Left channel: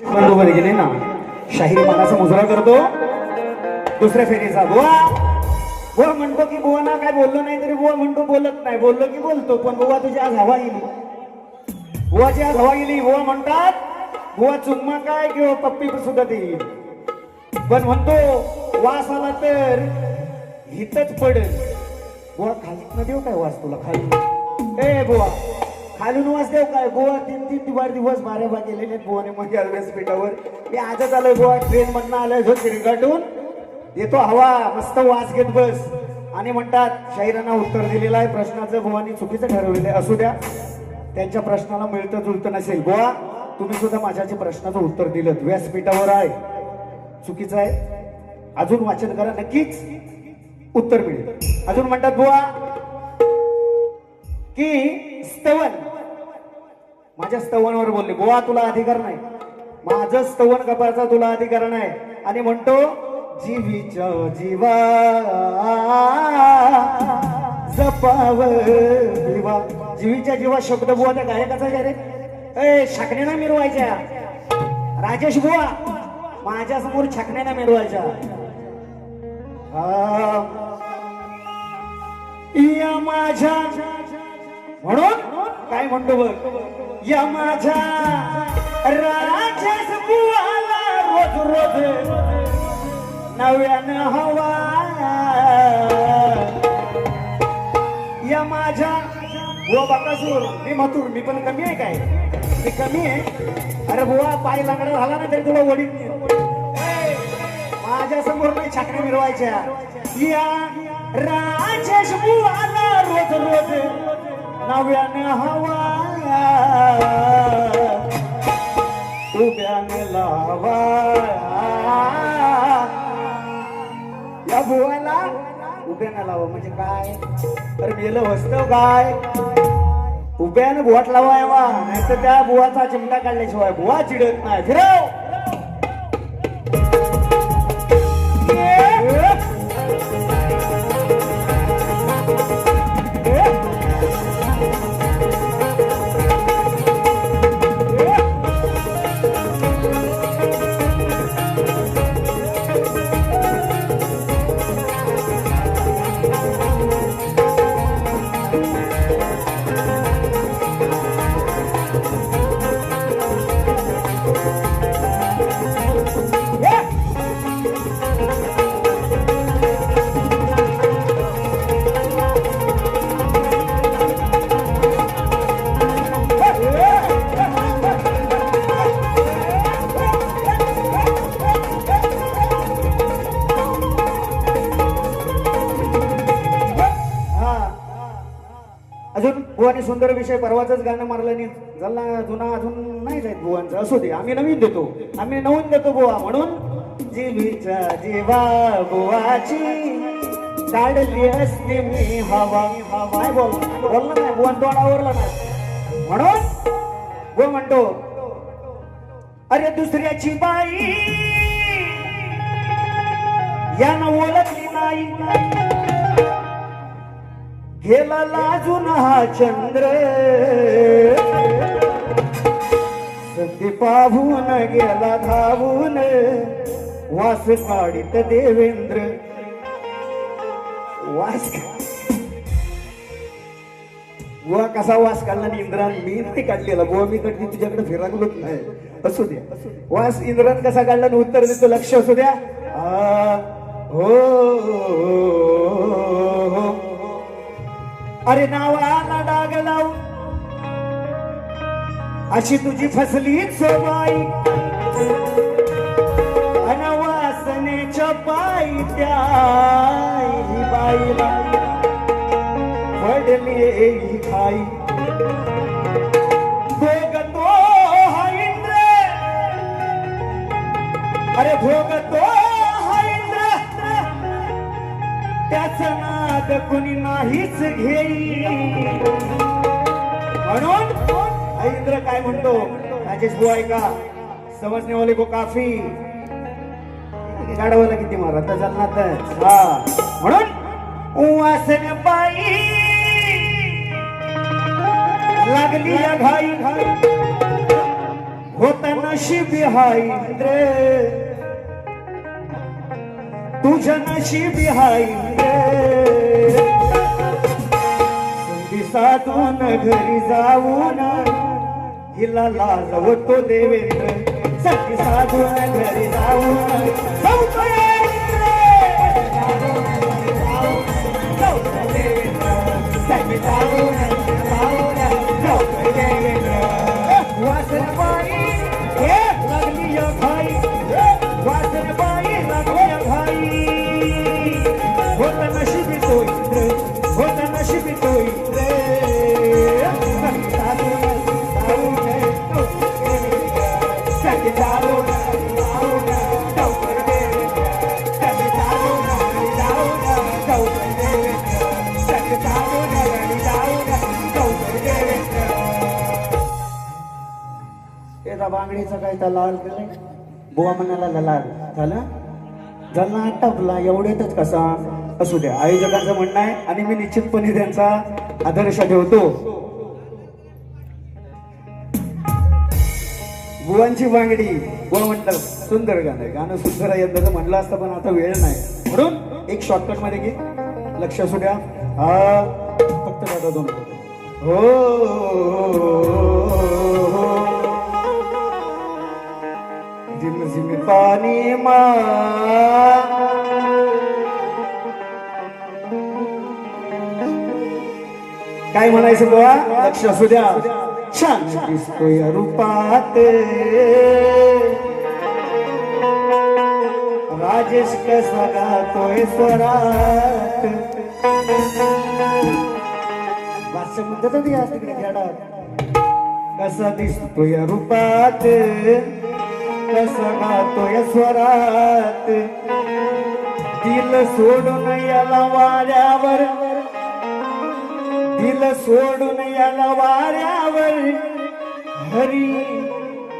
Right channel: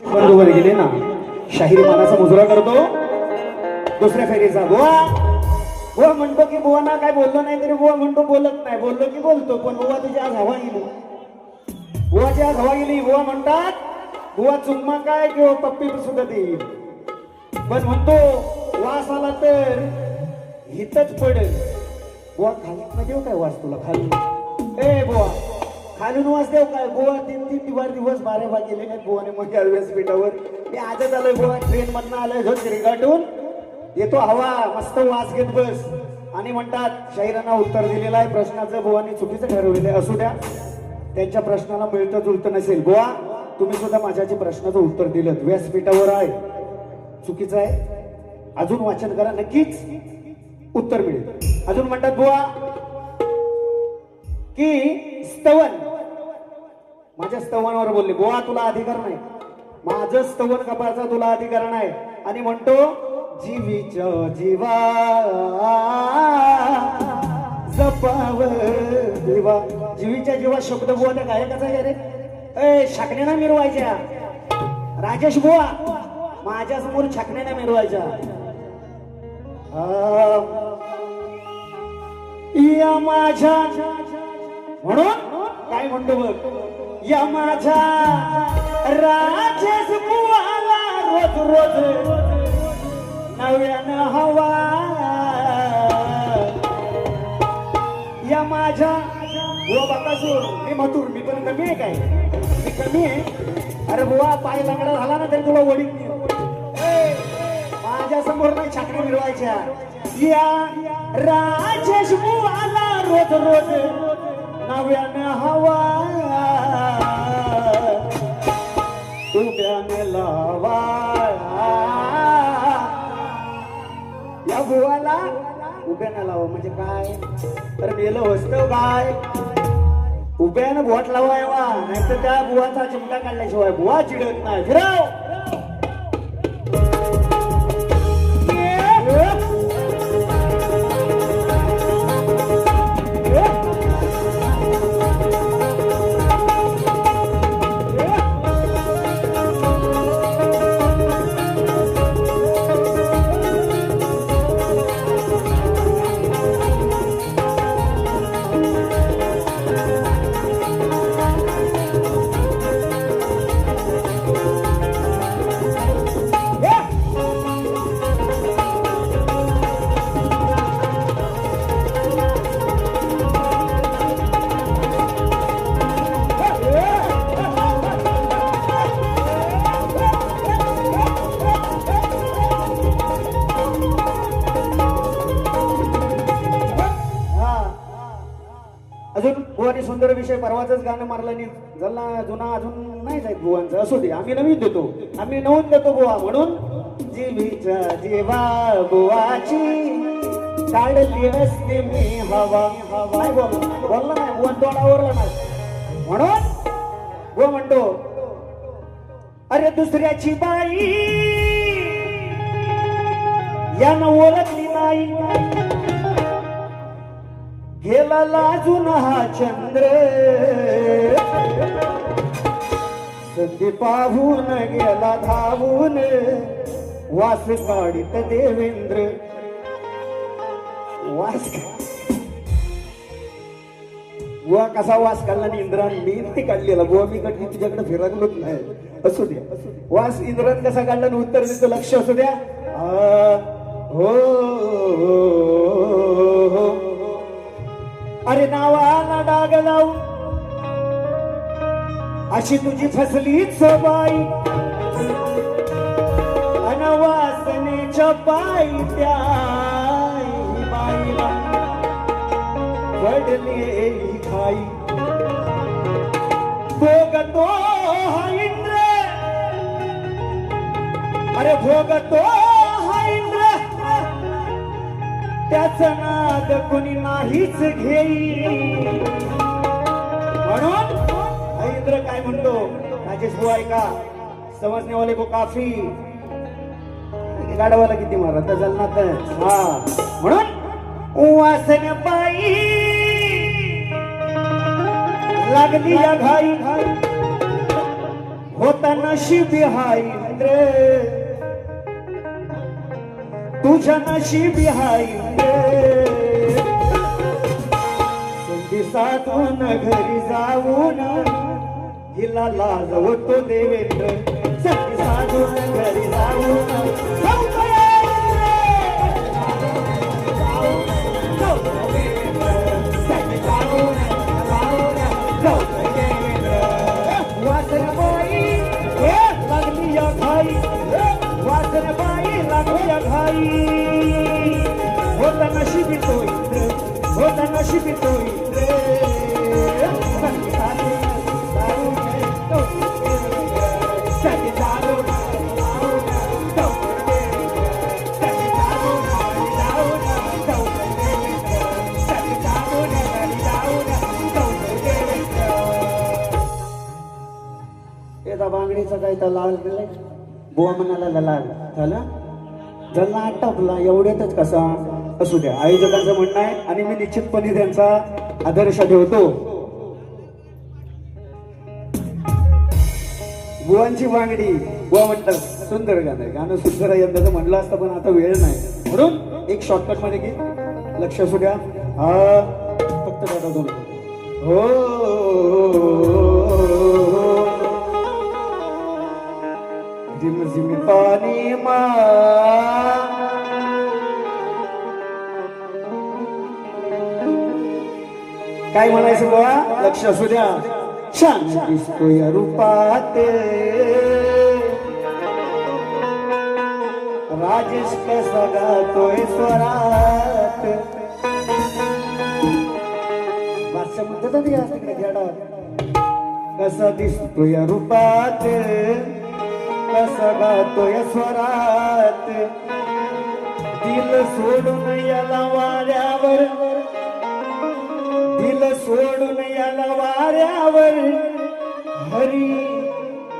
बरोबर गेले ना. शाहीर मानाचा मुजरा करतो दुसऱ्या फेरीचा बुवा बोल म्हणतो की बुवा ना काय बोललो नाही तरी बुवा म्हणतो बोलत नाही, बोललो की बोलतो. पण बुवा तुझी आज हवा गेली, बुवाची आज हवा गेली. बुवा म्हणतात बुवा चुम्मा काय किंवा पप्पी सुद्धा देईल, पण म्हणतो वास आला तर हितच पडेल. बुवा खाली न देऊ काय वास तुला खाली, ए बुवा खालून वास देऊ काय. बुवा तीन दिवस बारे बा गेलेले बुवाने मध्ये व्यासपीठावर. मी आजच आलोय बुवा, ट्रेन मधनं आलोय जो चिरगाटून येतो हवा, मस्त वास घेत बस. आणि म्हणतात शाहिरांना उत्तर दिलेलं आहे प्रश्नाचं बुवानी चुकीचं ठरवलेलं आहे. असू द्या, त्यांच्या प्रश्नाला मिळतं जुळतं नसेल. बुवा तुम्ही सुद्धा माझ्याच्या प्रश्नाचं उत्तर दिलं, व्यासपीठावर आहे, चुकीचं आहे. अजून वाचन करा, नक्कीच उत्तर मिळेल. अजून म्हणतात बुवा की स्तवन, माझ्या स्तवनावर बोलले. बुवा तुला अधिकार नाही, माझं स्तवन कपाचा तुला अधिकार नाही. आणि म्हणतो जीवीच्या जीवा जपाव देवा. जीवीच्या जीवा शब्द बुवा त्या गायकाचा आहे रे. ए छाकण्यानं मिरवायच्या राजेश बुवा, माझ्या समोर छाकण्यानं मिरवायच्या. या माझ्या म्हणून काय म्हणतो बघ, या माझ्या राजेश बुवाला रोज रोज नव्यानं हवा. या माझ्या बुवा बाकासूर, मी मथुर, मी पण कमी आहे काय, मी कमी आहे. अरे बुवा पाय लांगडा झाला ना तरी तुला वडील माझ्या समोर नाही छाकऱ्या मिरवायच्या. या राजेश बुवाला रोज रोज नव्यानं हवा, उभ्यानं लावा. या बुवाला उभ्यानं लावा म्हणजे काय, तर मेलं वस्तव काय, उभ्यानं बोट लावायवा, नाही तर त्या बुवाचा चिमटा काढल्याशिवाय बुवा चिडत नाही. फिरव बुवाने सुंदर विषय परवाचंच गाणं मारलं नाही झाला, जुना अजून नाही जायत बुवांचं. असू दे, आम्ही नवीन देतो, आम्ही नवीन देतो बुवा. म्हणून जीवीच्या जीवा बुवाची काढली असते मी हवा. काय बोललो नाही बुवा, तोंडावरला नाही. म्हणून बुवा म्हणतो अरे दुसऱ्याची बाई यानं ओळखली नाही, गेला लाजून हा चंद्र, संधी पाहून गेला धावून, वास काढीत देवेंद्र. वास बुवा कसा वास काढला इंद्रान, मी नाही काढलेला बुवा, मी कधी तुझ्याकडे फिरकलोच नाही. असू द्या, वास इंद्रान कसा काढला उत्तर देतो, लक्ष असू द्या. हो अरे नावाला डाग लावू अशी तुझी फसली सवाई, अनवासनेच्या पायी त्या बाईला पडली ही खाई. भोगतो हा इंद्र, अरे भोगतो हा इंद्र, त्याच नाद कुणी नाहीच घेई. म्हणून इंद्र काय म्हणतो, राजेश बुवा का समजने वाले को काफी गाडवाला किती मारत जलनात. हा म्हणून वासने पायी लागली घाई, होता नशिबी हाय इंद्र तुझ्या नशिबी हाय इंद्र संधी साधून घरी जाऊन हिला लाजवतो देवेंद्र संधी साधून घरी जाऊन बांगडीचा काय तर लावल गेलाय बुवा म्हणाला लाल झालं झालं आटपला एवढ्यातच कसा असू द्या आयोजकांचं म्हणणं आहे आणि मी निश्चितपणे त्यांचा आदर्श ठेवतो बुवांची बांगडी बुवा म्हणतात सुंदर गाणं गाणं सुंदर यंदाचं म्हणलं असतं पण आता वेळ नाही म्हणून एक शॉर्टकट मध्ये घे लक्ष असू द्या हा फक्त दोन हो झिम झिम पाणी मा काय म्हणायचं बुवा लक्ष असू द्या छान दिसतोय रूपात राजेश कसा गातोय स्वरात भाषा म्हणतात तिकडे खेळा कसा दिसतोय रूपात कसा गातोय स्वरात दिल सोडून याला वाऱ्यावर दिल सोडून याला वाऱ्यावर हरी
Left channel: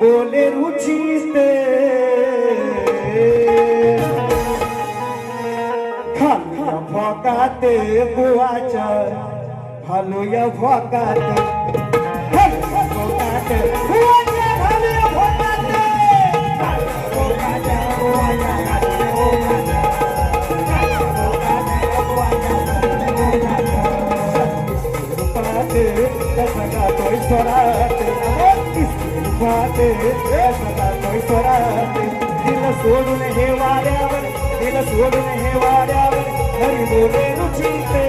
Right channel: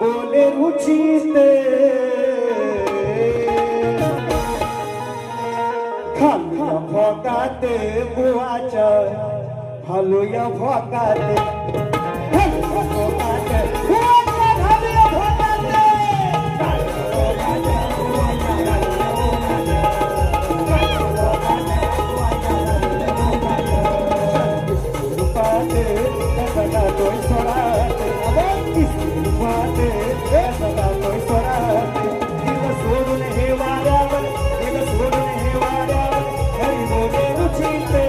बोले रुचिते खालूया भोकात बुवाच्या खालूया भोकात सोडून हे वाऱ्यावर दिल सोडून हे वाऱ्यावर हरी बोले रुचिते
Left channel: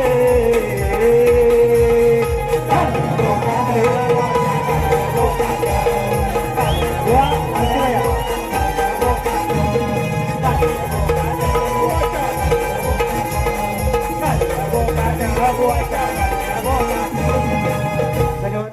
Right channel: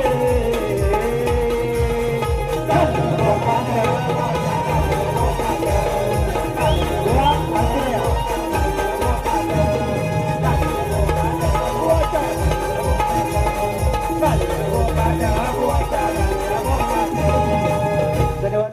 What?